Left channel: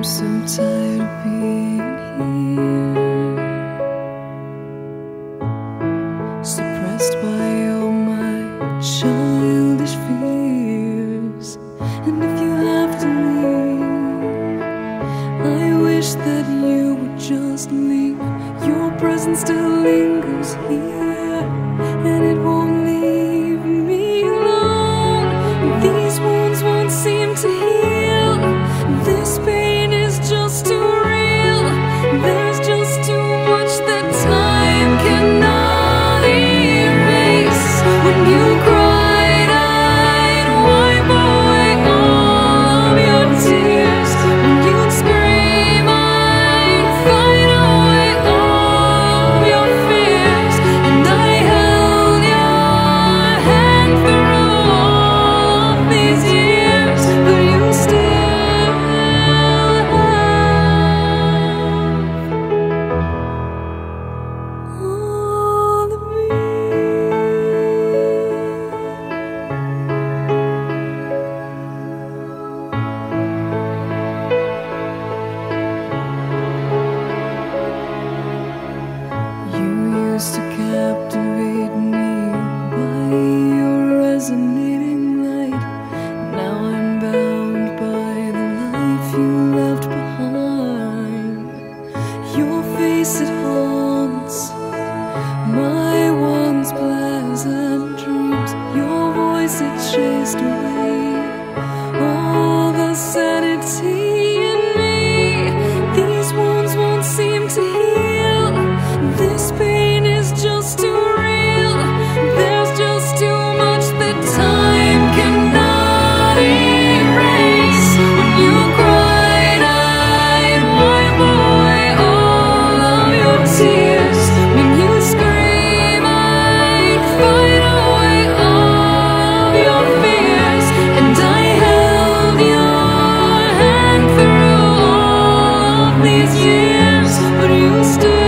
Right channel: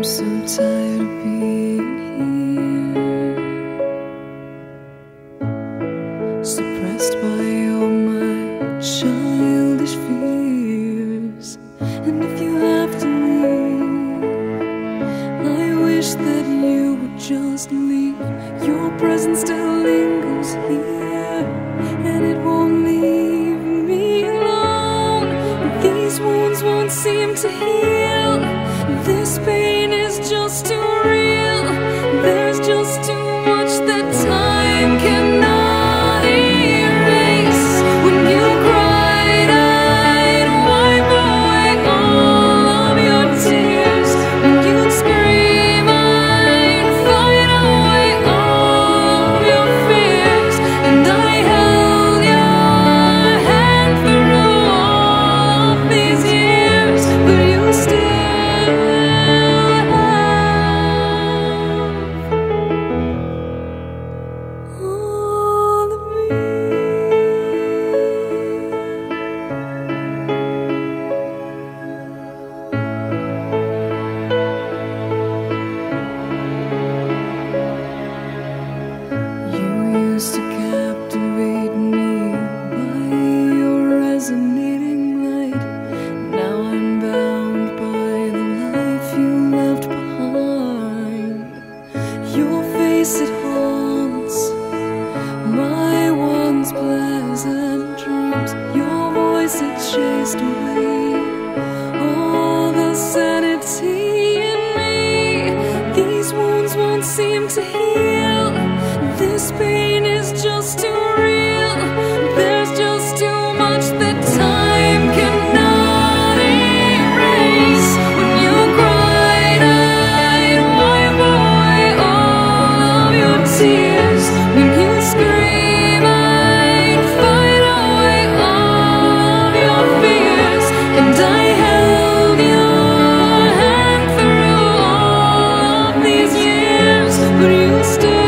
I'm so tired of being here, suppressed by all my childish fears. And if you have to leave, I wish that you would just leave. Your presence still lingers here, and it won't leave me alone. These wounds won't seem to heal. This pain is just too real. There's just too much that time cannot erase. When you cried, I'd wipe away all of your tears. When you'd scream, I'd fight away all of your fears. And I held your hand through all of these years, but you still to captivate me by your resonating light. Now I'm bound by the life you left behind. Your face, it haunts my once pleasant dreams. Your voice, it chased away all the sanity in me. These wounds won't seem to heal. This pain is just too real. There's just too much that time cannot erase. When you cried, I'd wipe away all of your tears. When you scream, I'd fight away all of your fears. And I held your hand through all of these years, but you still